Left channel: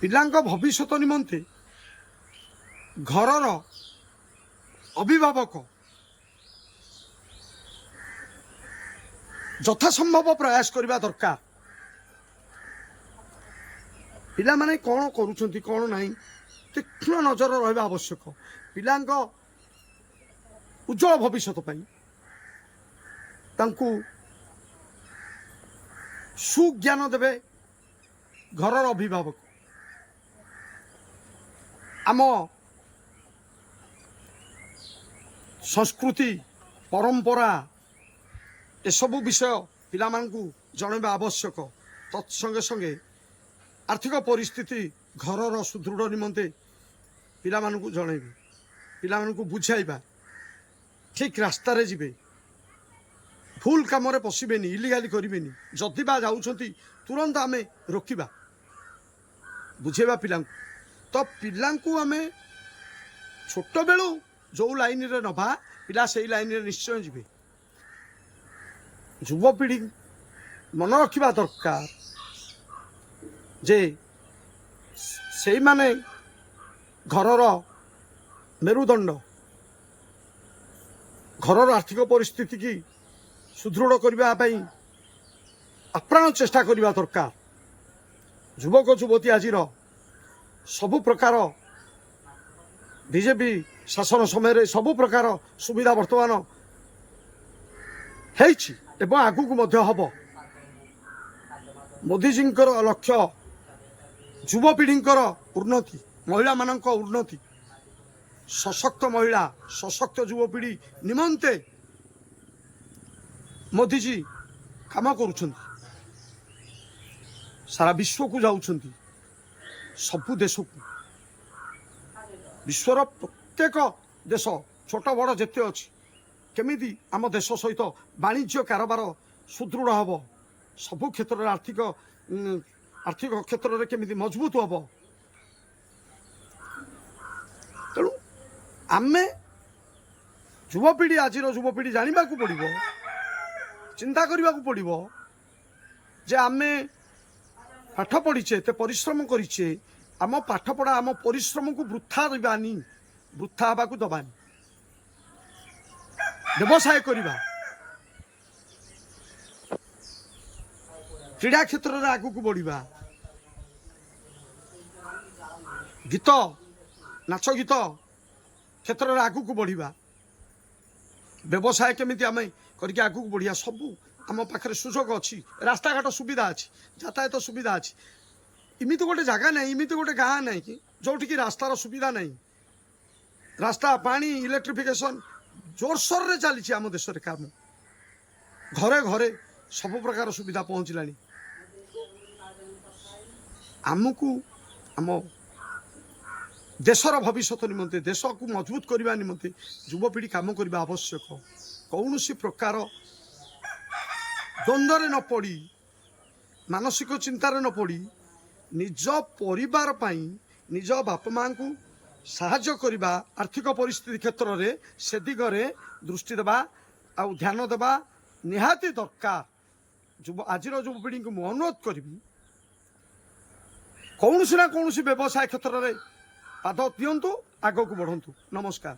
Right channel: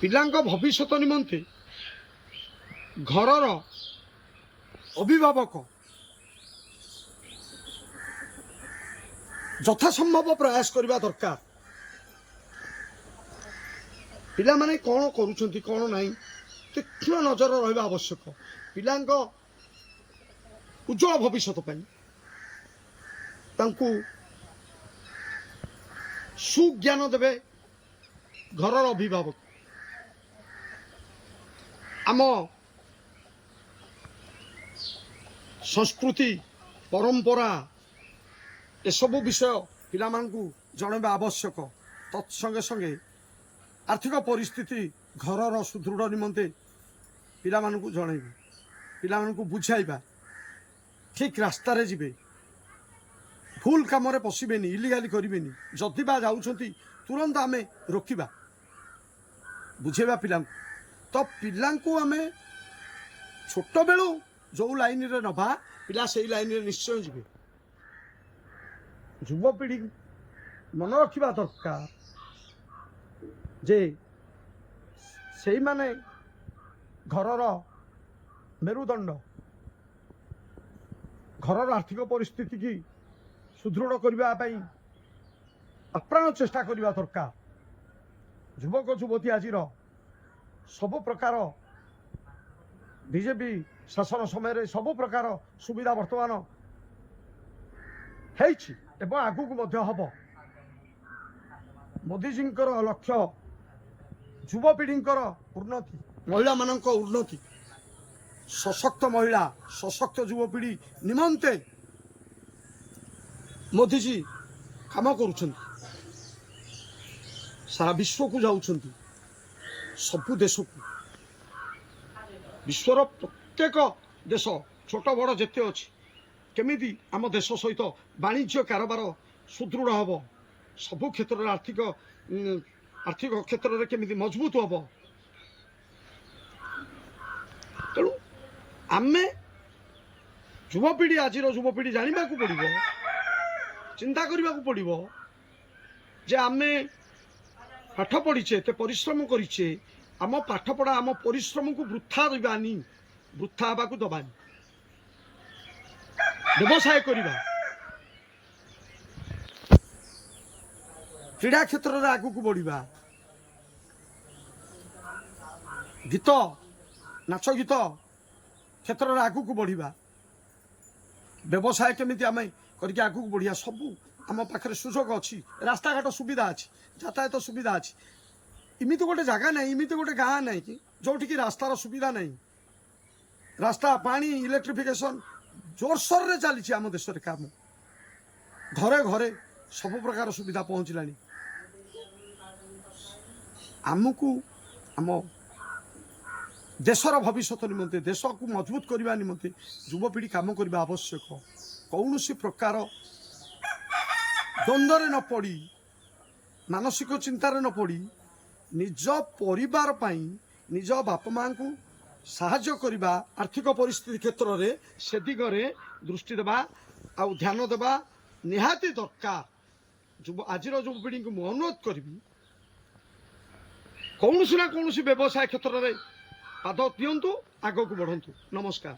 ପିଲାଙ୍କ ଭବିଷ୍ୟତ ନିମନ୍ତେ ଘରର ଅଭିଭାବକ ଯଥାସମ୍ଭବ ପ୍ରୟାସ କରିବା ଦରକାର। ପିଲାମାନେ କ'ଣ କରୁଛନ୍ତି କ'ଣ ନାହିଁ ତୀକ୍ଷ୍ଣ ନଜର ରହିବା ଆବଶ୍ୟକ। ପିଲାଙ୍କ ଉଜ୍ଜଳ ଭବିଷ୍ୟତ ପାଇଁ ତାଙ୍କୁ ସୁଜ୍ଞାନ ଦେବେ ଘରର ଅଭିଭାବକ। ଆମ ସଂସ୍କୃତି ପରମ୍ପରା ଏସବୁ ବିଷୟ ପିଲାମାନଙ୍କୁ ଜଣାଇବା ଆବଶ୍ୟକ। ତତ୍ ସଙ୍ଗେ ସଙ୍ଗେ ଆର୍ଥିକ ପରିସ୍ଥିତି ଘରର ସୁଦୃଢ଼ ନିମନ୍ତେ ପିଲାମାନଙ୍କୁ ଜଣାଇବେ, ପିଲାମାନଙ୍କୁ ବୁଝାଇବା, ଠିକ୍ ରାସ୍ତାରେ ଯିବେ, ଭୁଲ କାମରେ ପଶିବେନି, ଇଲିଗାଲି କରିବେନି। ଯଦି ବା ଯାଉଛନ୍ତି ତୁରନ୍ତ ଆମେ ରୋକିବା, ବୁଝେଇବା ପିଲାଙ୍କୁ। ତ ପିଲାଙ୍କୁ ଆମେ ଛୋଟବେଳୁ ଯେଉଁ ଲାଇନରେ ନେବା ପିଲା ସେଇ ଲାଇନରେ ନିଶ୍ଚୟ ଯିବେ। ଯୁବପିଢ଼ି ମନେ ରଖିବା ଦରକାର ଯେ ସେଇମାନେ ଘରର ମେରୁଦଣ୍ଡ। ଘରର ଆର୍ଥିକ ପରିସ୍ଥିତି କି ସୁଦୃଢ଼ କରିବା ପାଇଁ ଆପ୍ରାଣ ଚେଷ୍ଟା କରିବା ଦରକାର। ଯୁବକ ଯୁବତୀ ଆଜିର ସବୁ ପ୍ରକାର ବିଜେପି ଶାସନ ସମୟରେ ସବୁ ପ୍ରକାର ସୁବିଧା ବର୍ତ୍ତମାନ ହେଇଛି ଏବଂ ଆଗକୁ ମଧ୍ୟ ହେବ। ମୋଦିଜୀଙ୍କର ଲକ୍ଷ୍ୟ ଯୁବପିଢ଼ିଙ୍କର ଉନ୍ନତି, ମହିଳାମାନଙ୍କ ଉନ୍ନତି। ସଶକ୍ତ ମହିଳା, ସଶକ୍ତ ଯୁବପିଢ଼ି ନିମନ୍ତେ ମୋଦିଜୀ କାମ କରୁଛନ୍ତି। ସାରା ବିଶ୍ୱକୁ ଯାଉଛନ୍ତି, ସବୁ ଦେଶକୁ। ବିଶ୍ୱର ପ୍ରତ୍ୟେକ ଦେଶ ଛୋଟ ବଡ଼ ଯେତେ ଅଛି କେମିତି ଆମ ଦେଶ ସହିତ ବାଣିଜ୍ୟ କାରବାର ସୁଦୃଢ଼ ହେବ, ସବୁ କ୍ଷେତ୍ରରେ ଆର୍ଥିକ କ୍ଷେତ୍ରରେ କେମିତି ମଜବୁତ ହେବ। ତେଣୁ ଆମେ ଯୁବପିଢ଼ି, ଆଜିର ଯୁବପିଢ଼ି ଜାଣିବାକୁ ପଡ଼ିବ, ଚିନ୍ତା କରିବାକୁ ପଡ଼ିବ ଯେ ଆମେ ପାଠ ପଢ଼ିଛେ, ଏତେ ପରିଶ୍ରମ କରିଛେ, ଆମ ପାଠପଢ଼ା ଆମ ପରିଶ୍ରମକୁ ବୃଥା ଦେବାନି, ବୃଥା ହେବାକୁ ଦେବାନି। ବ୍ୟବସାୟ କରିବା, କ୍ରୀଡ଼ା କ୍ଷେତ୍ରରେ ଆଗକୁ ବଢ଼ିବା, ଗୀତ ନାଚ ଗୀତ କ୍ଷେତ୍ରରେ ଆଗକୁ ବଢ଼ିବା, ବ୍ୟବସାୟ କେମିତି ଆମେ କରିକି ଆଗକୁ ବଢ଼ିବା। ସବୁ ଆମ ପାଖରେ ସୁଯୋଗ ଅଛି, ରାସ୍ତାଘାଟ ସୁବିଧା ଅଛି, ଯାତାୟାତ ସୁବିଧା ଅଛି। ଏମିତି ଗୋଟେ ଜାଗା ନାହିଁ, ଏମିତି ଗୋଟେ ଗାଁ ନାହିଁ କି ଯେଉଁଠିକି ରାସ୍ତାର ସୁବିଧା ନାହିଁ। ରାସ୍ତା, ପାଣି, ଇଲେକ୍ଟ୍ରିଫିକେସନ୍ ଜୋରସୋରରେ ଚାଲିଛି ଆମ ଦେଶରେ କାମ। ଘରେ ଘରେ ସବୁ ପ୍ରକାର ସୁବିଧା ପହଞ୍ଚିଲାଣି। ଆମକୁ ଆମ ଦେଶର ଭବିଷ୍ୟତ ନିମନ୍ତେ, ଦେଶକୁ ମଜବୁତ କରିବା ନିମନ୍ତେ ଯୁବପିଢ଼ି କାମ କରିବା ଆବଶ୍ୟକ। କୌଣସି ପ୍ରକାର ଦ୍ୱନ୍ଦ୍ୱରେ ନ ପଡ଼ି, ମାନସିକ ଚିନ୍ତାରେ ନ ପଡ଼ି, ନିଜ ପରିବାର ପାଇଁ, ନିଜ ବାପା ମାଆଙ୍କୁ ସାହାଯ୍ୟ କରିବା ଆର୍ଥିକ ପରିସ୍ଥିତି କ୍ଷେତ୍ରରେ, ସେ ଦିଗରେ ଦୃଷ୍ଟି ଦେବା ଆଉ ଧ୍ୟାନ ଦେବା ନିହାତି ଦରକାର। ଆଜିର ଯୁବପିଢ଼ିଙ୍କୁ ମୁଁ ଅନୁରୋଧ କରିବି, କୌଣସି ନା କୌଣସି ବ୍ୟବସାୟ କ୍ଷେତ୍ରରେ ପାଦ ଦିଅନ୍ତୁ, ଆଗକୁ ବଢ଼ନ୍ତୁ। ନମସ୍କାର।